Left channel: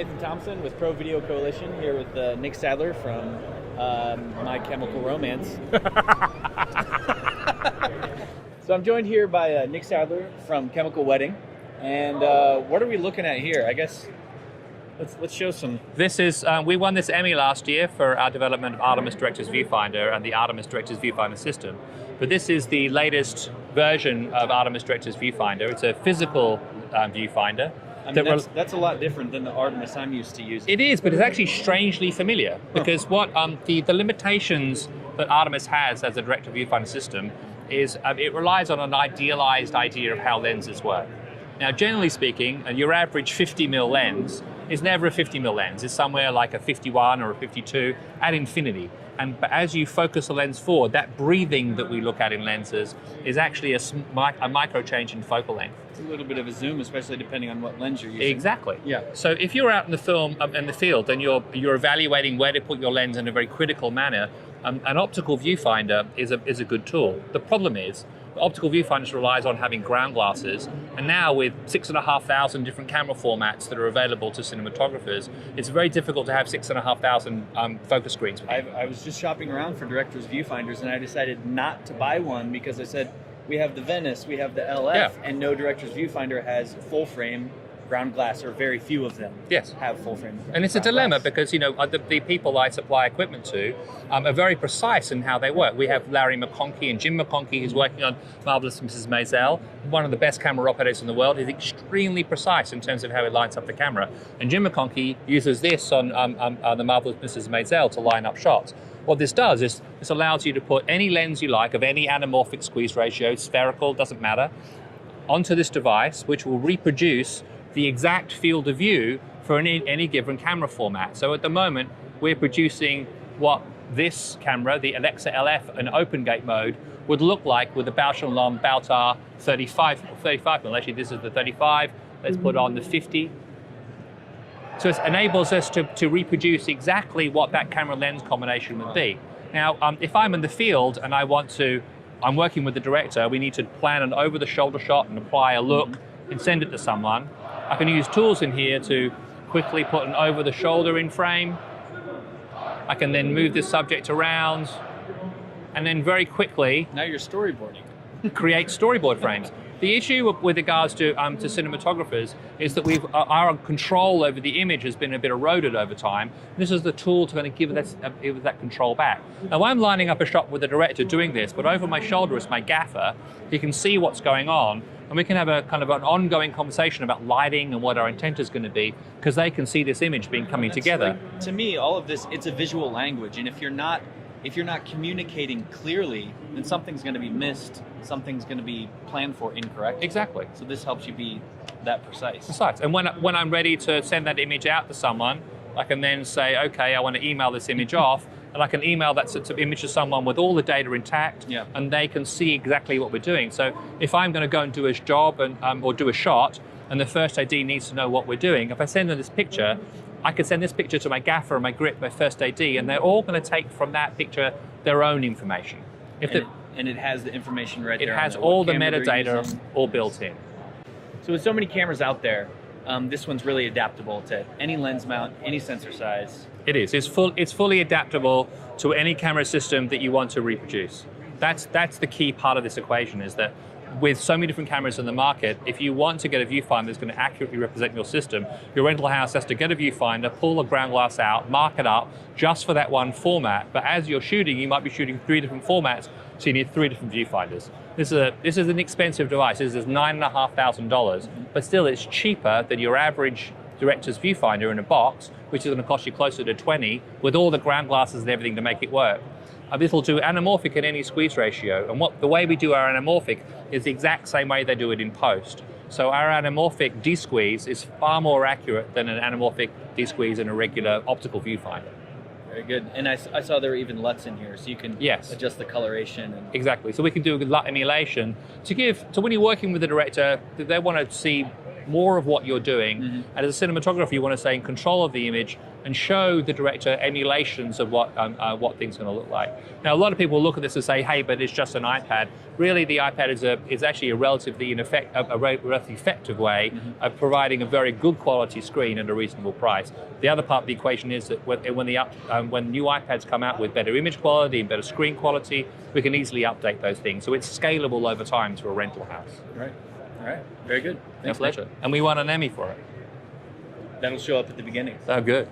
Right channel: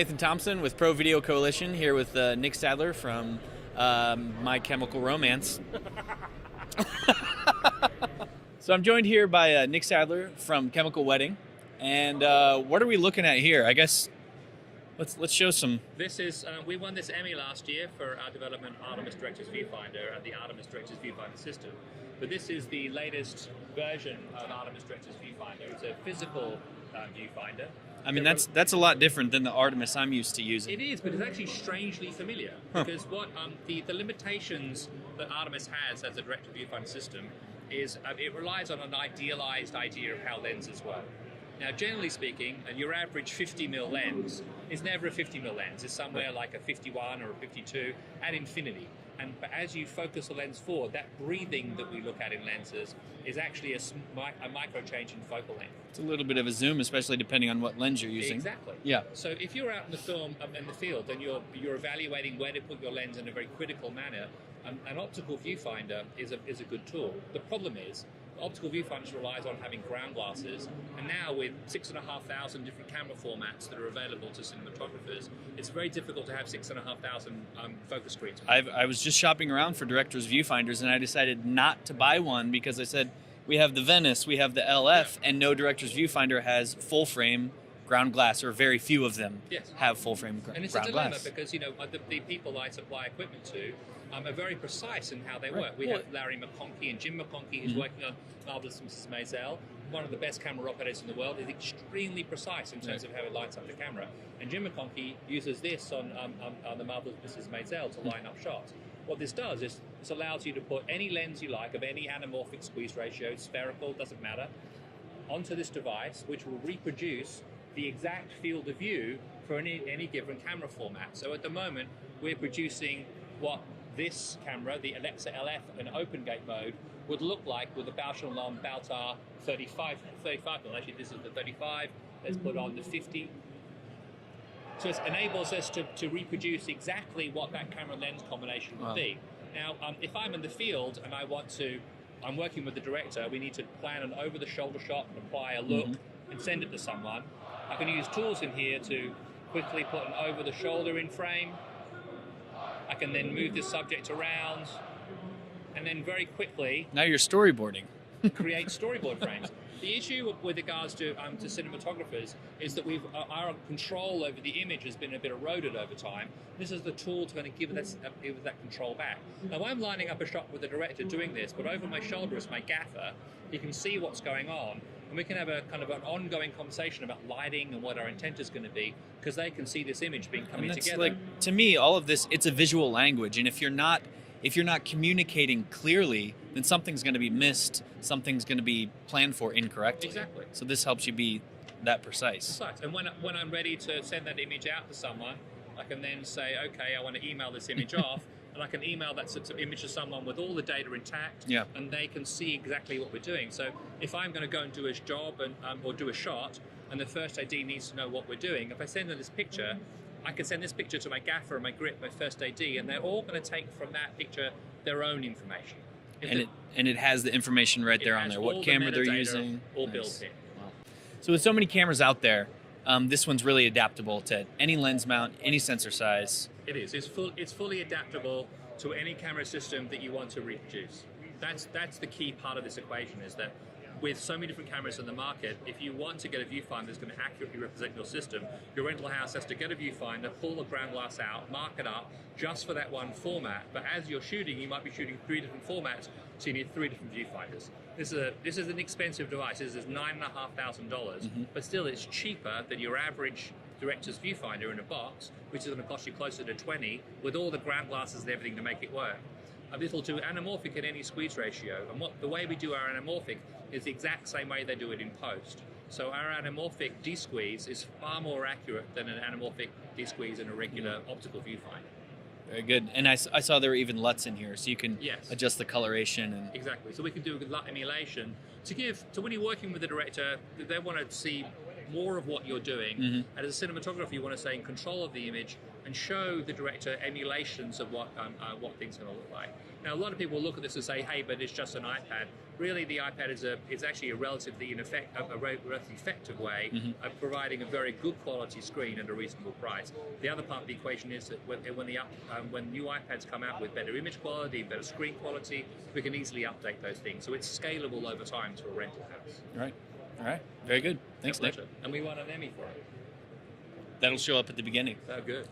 Nathan Thompson with Pro Video Coalition, here with Nick Sadler from My Chemical Romance. So I'm joined here by Nick Sadler from Chemical Wedding, and what are we looking at here? I guess let's show some. This is we won this Emmy last year for our development of Artemis Director's Viewfinder and the Artemis Director's Viewfinder system. But this is the latest version of Artemis Director's Viewfinder. It's a physical viewfinder. I mean, that's a lot different than the Artemis I'm used to using. It is, but it's actually strangely familiar because what the limitations that Artemis has as a director viewfinder system is it relies on an idealized idea of how lenses work. Now, generally speaking, your average 50mm lens is never a 50mm lens. It's somewhere like a 51 or a 52 at infinity. But as you focus the lens forward, that breathing that we look at in lenses is actually a micro change in focal length. It's a little bit of a zoom, especially depending on what lens you're using. Exactly. Yeah. So if you're out in the field and you're evaluating where to put your lens in a very critical manner, an optical viewfinder is a good tool. The problem is, the optical viewfinders relies on having ground glasses, and now with 6,500 different camera formats that are available to cinematographers, it's very difficult to have 6,500 focus screens. I was just shopping around for director's viewfinders, and I decided not to buy one because I said, we have the Venice, we have the LF, and no director's viewfinder has full frame ground glass, or very few of them have full frame. And it's a dilemma because the people I supply equipment to are very precise in how they work. We have Larry McConkey and Jim McConkey, who's working on Marvelous Mrs. Maisel, one of the best camera operators in the world. He's extremely precise in terms of how he lines up the camera. And Jim McConkey uses this on the Marvelous Mrs. Maisel to line up shots. What this does is this allows you to put any lens you like of any anamorphic squeeze ratio, spherical, doesn't matter, onto this device, which will reproduce the exact field of view for any given camera format. So at the moment, we're producing what this camera, the Alexa LF in open gate mode, would look like with the Bausch & Lomb Baltar 35mm. Actually, this is the 35. Let's put on the 50. So it enables us to reproduce exactly what that camera lens combination would be. Now, if I'm in the field and I'm working with the director, we need to plan an over-the-shoulder shot and apply a look and send it to someone. I can use tools in here to quickly put an over-the-shoulder in frame. I can then move this subject around, and then very quickly... Now you're storyboarding. ...create storyboard frames. The issue with regards to cinematographers is that our control over the image has been a bit eroded over time. This is the tool to kind of give that control back. Now, I'm lining up a shot with the director doing this, but over my shoulder is my gaffer. He can see what's going on, and we can have a kind of an ongoing conversation about lighting and what our intent is going to be, because they can see this image coming together. Like, to me, all of this, it's a visual language, and if you're not communicating clearly, then something's going to be missed, something's going to be planned for incorrectly. Exactly. So this helps you be that precise. Precise. And when I'm ready to send that image out to someone, I can then say, okay, I want to email this image off, and I can email that image to someone with all the data intact, and they can see exactly what we're doing. So if I'm going to go and do a job or do a shot, and the first AD needs to know what we're doing, if I send them this picture, I could send this picture to my gaffer, my grip, my first AD, and they're all going to take from that picture their own information. And it has the information right there. It has all the metadata all built in. So with so many cameras out there, this one's really adaptable to any lens mount, any sensor size. It is. It's fully adaptable to any camera system that you want to reproduce. That's the key part of this equation, is that with so many different cameras in the market, if you want to get a viewfinder that's going to accurately represent your system, your rental house has to get a viewfinder, pull the ground glass out, mark it up just for that one format. But as you're shooting, you might be shooting 3 different formats, so you need 3 different viewfinders. This is an expensive device. This is $9,500, but still it's cheaper than your average director's viewfinder in a box, which is going to cost you closer to 20, with all the ground glasses and everything to make it work. This will do anamorphic in any squeeze ratio, and the way we do our anamorphic is the exact same way they do it in post. So our anamorphic desqueeze is far more accurate than an anamorphic desqueeze in a regular optical viewfinder. Very good. And I saw there were even LUTs in here, so you can adjust the coloration. Exactly. So we can do a LUT emulation to when you're working with the director, they want to see more of what you're doing. And as a cinematographer, you want to stay in control of the image and show the director emulations of what things are going to look like. Now, a lot of people look at this and say, hey, but it's just an iPad. Really, the iPad is actually a relatively effective way of providing a very good quality screen at a reasonable price. The other part of the equation is that when new iPads come out with better image quality and better screen quality, we can easily update those things. So it's scalable over time to a rental house. Right. All right. Very good. Thanks, My pleasure. And we won an Emmy for it. That'll show up at the beginning. Oh, good.